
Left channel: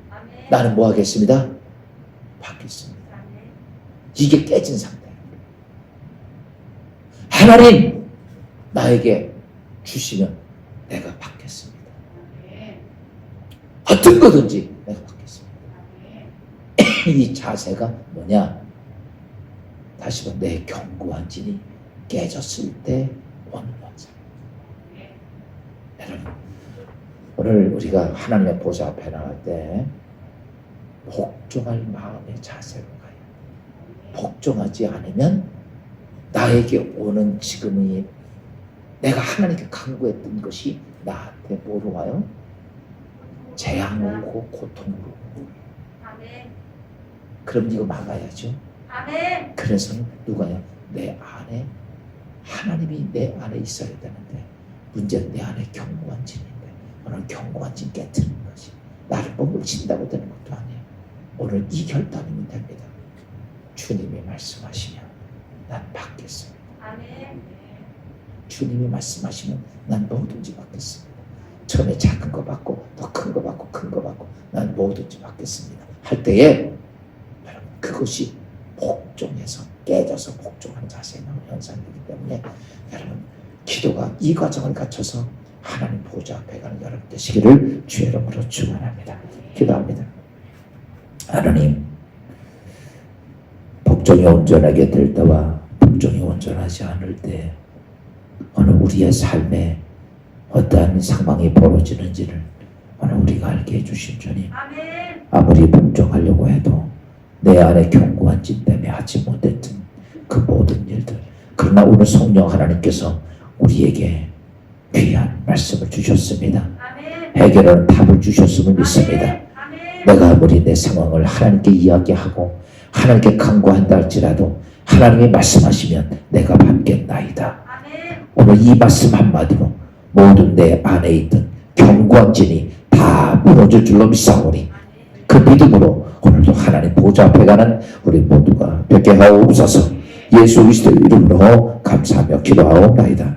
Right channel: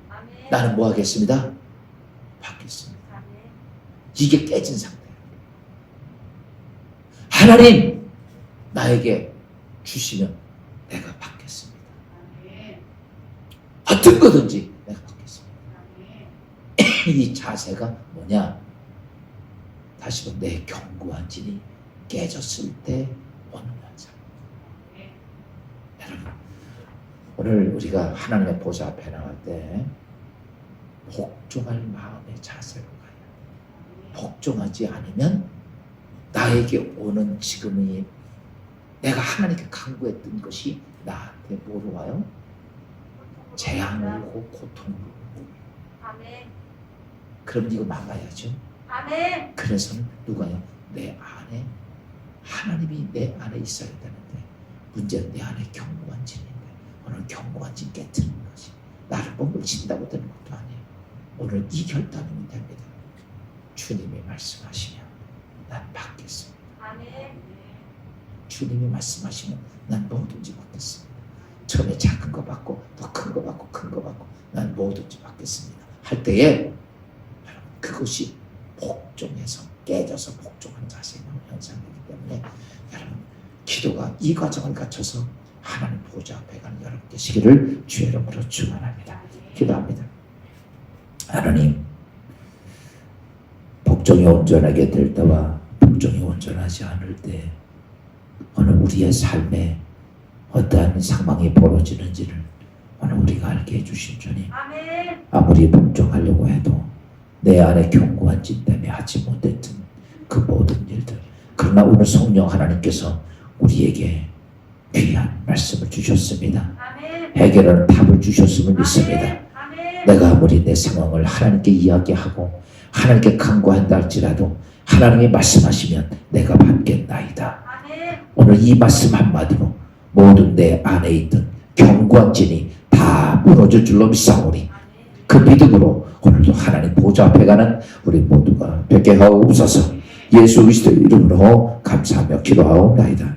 나는 뭐 하겠습니다? 받겠습니다. 이게 깨진 상태예요. 하나님 나에게 주시면 내가 받겠습니다. 어떤 거든지 내가 받겠습니다. 이 자세가 뭐냐? 다시 한번 내 견고한 진이 깨졌을 때 오는 현상. 여러분, 오늘 우리가 하나님의 보좌 앞에 나갈 때 복종할 마음의 자세로 가요. 복종하지 않으면 나에게 오는 지금의 내가 하나님께 간구했던 것이 나한테 뭐로 와요? 재앙으로 오고 고통으로 오고. 그럼 이거 막아야죠. 그래서 누가요? 내 안에 하나님이 내 안에 있어야 되는데 문제는 내 안에 견고한 진인데 오늘 견고한 진 깨트리는 것이 나를 머물친다고 되는 것도 아니에요. 오늘 이 결단이면 됩니다. 주님이 말씀하시면 난 받겠습니다. 주님이 말씀하시면 난 뭐든지 받겠습니다. 처음에 작은 거 받고 더 큰 거 받고 큰 거 받고 난 뭐든지 받겠습니다. 할 때에 여러분 그것이 복종해서 깨져서 복종하는 자세에 나오는 현상이기 때문에 여러분 기도가 이 과정을 갖춰서 하나님 보좌 앞에 가는 여러분 되시기를 주의 이름으로 축원합니다. 기도합니다. 하나님, 복종이 온전하게 될 때와 복종이 온전하지 않을 때 오늘 우리의 삶에 어떠한 상황이 벌어지는지를 오늘 우리가 알게 해주신 주님. 아무리 복종하려고 해도 내 안에 견고한 진 때문에 하지 못했던 그 모든 일들, 그러나 오늘 성령 하나님께서 우리에게 귀한 말씀을 주셨습니다. 해결하는 답을 주셨음을 믿습니다. 내가 아무리 내 상황을 하나님께 이야기하고 하나님께 간구한다 할지라도 하나님이 말씀하시면 내가 받겠나이다. 오늘 이 말씀 한마디로 모든 내 안에 있던 견고한 진이 다 무너질 줄로 믿사오니 그 믿음으로 오늘도 하나님 보좌 앞에 가는 우리 모두가 뵙게 하옵소서. 예수 그리스도의 이름으로 감사하며 기도하옵나이다.